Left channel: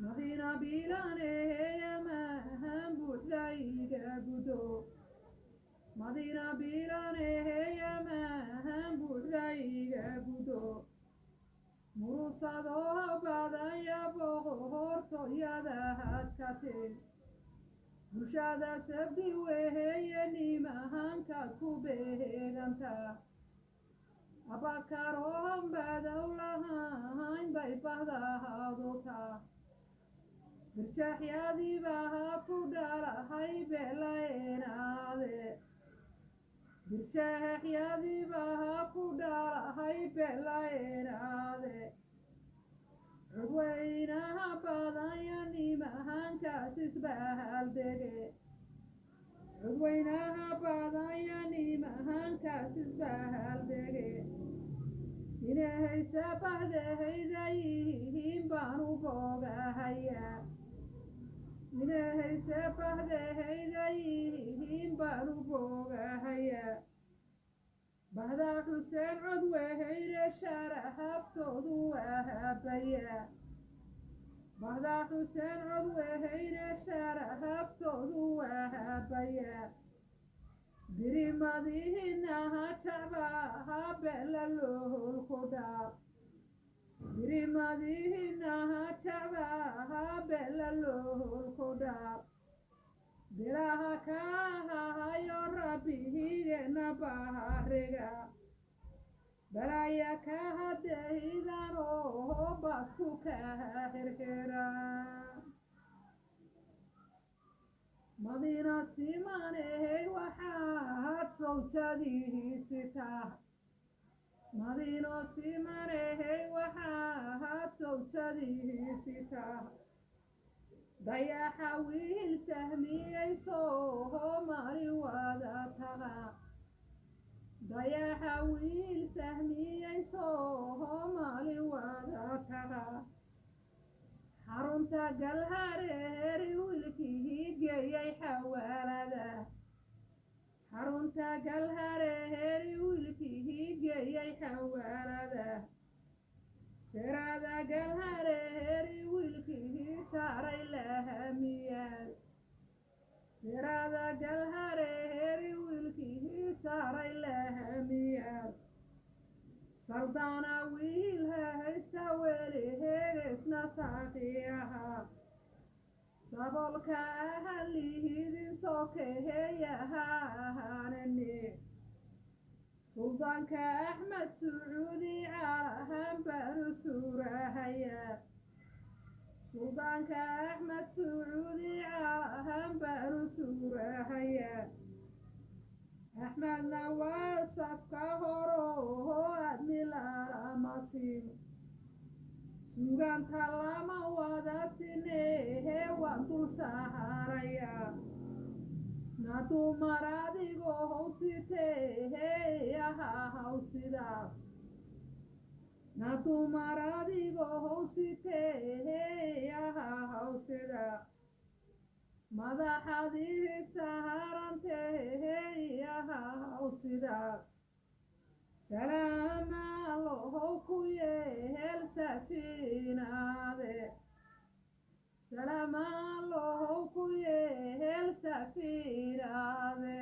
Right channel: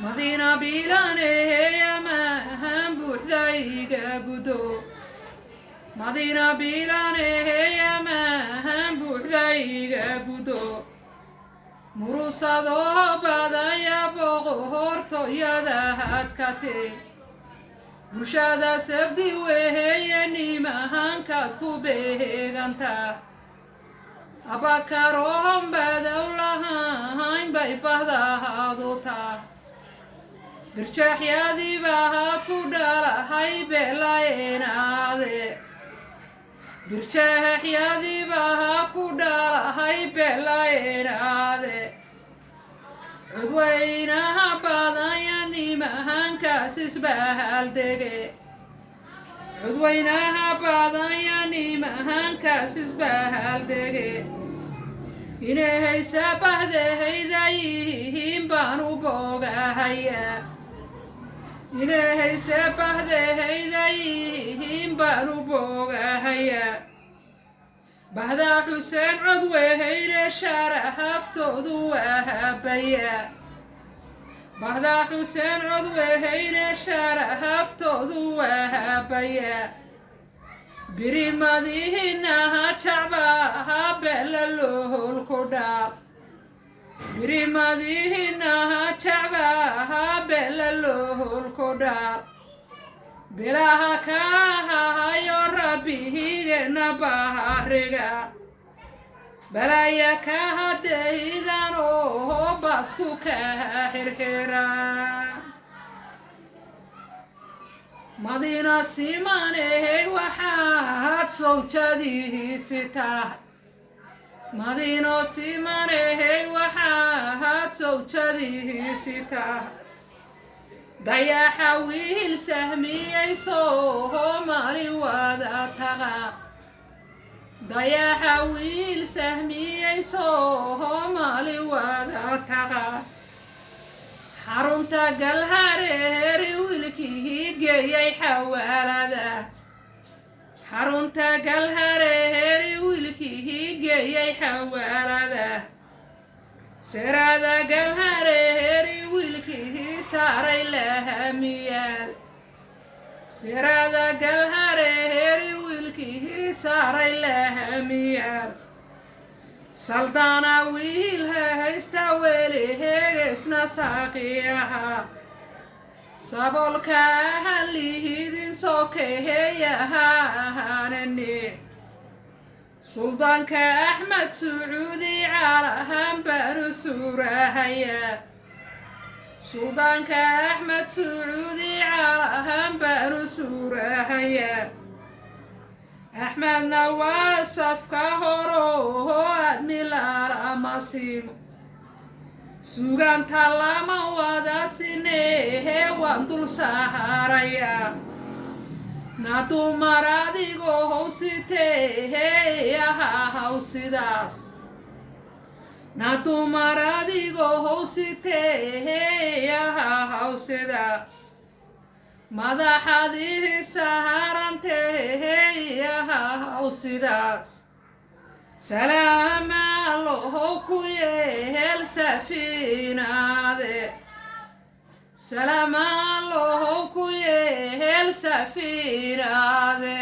مدينة بيلاني يا مهان بوحدايقا قدو مدينة بيلاني يا مهان بوحدايقا قدو murusadoo badaya boqortooyada hadkate bulshada sabdi weeye nimahankaad ku beeganta abakaroon badow lahayn bay bahdahaduta birjaaxyadii baa ku dhalahay beelaynaade birjaaxyadii baa ku dhalahay beelaynaade cudweynaha badaya nimahankaas isbaaldege cudweynaha badaya nimahankaas isbaaldege inay sabahdeehayda yihiin baan u boogahaya inay sabahdeehayda yihiin baan u boogahaya bahda xuseen codweyne sharahaftoodu wahabaya bahda xuseen codweyne sharahaftoodu wahabaya birimadiinaha jacbaha beelalolku dhaal birimadiinaha jacbaha beelalolku dhaal bilaha kahayo rabbihigeena bahariga balaya kahadaydan oo basku kaha xirxira madiina simaney waxaad sawjadiisi tahay madiino simaney waxaad sawjadiisi tahay dayaxa wiil sahmiyey soomali wada taqa dayaxa wiil sahmiyey soomali wada taqa xarunta galhareeri wiilkii geeyay xawaalada xarunta galhareeri wiilkii geeyay xawaalada sirada galhareeri wiilkii saaray lahamiyaal sirada galhareeri wiilkii saaray lahamiyaal saldana wiil haysta weliheegesna saaqiyaha sabolka halihidin sokeheyaha ahaanani suldaanka axmed sacuudi caalahan baanu suurahaya suldaanka axmed sacuudi caalahan baanu suurahaya axmedna waa safka horoho admilaalamasimo suganta lama wada sinehe waan dul saharaya na dumar adigoo howsitehe ahahaw sidaas na dumar adigoo howsitehe ahahaw sidaas madaxadii saharantehe ahahaw sidaas salaama lohow ku yeel safiinaade salaama lohow ku yeel safiinaade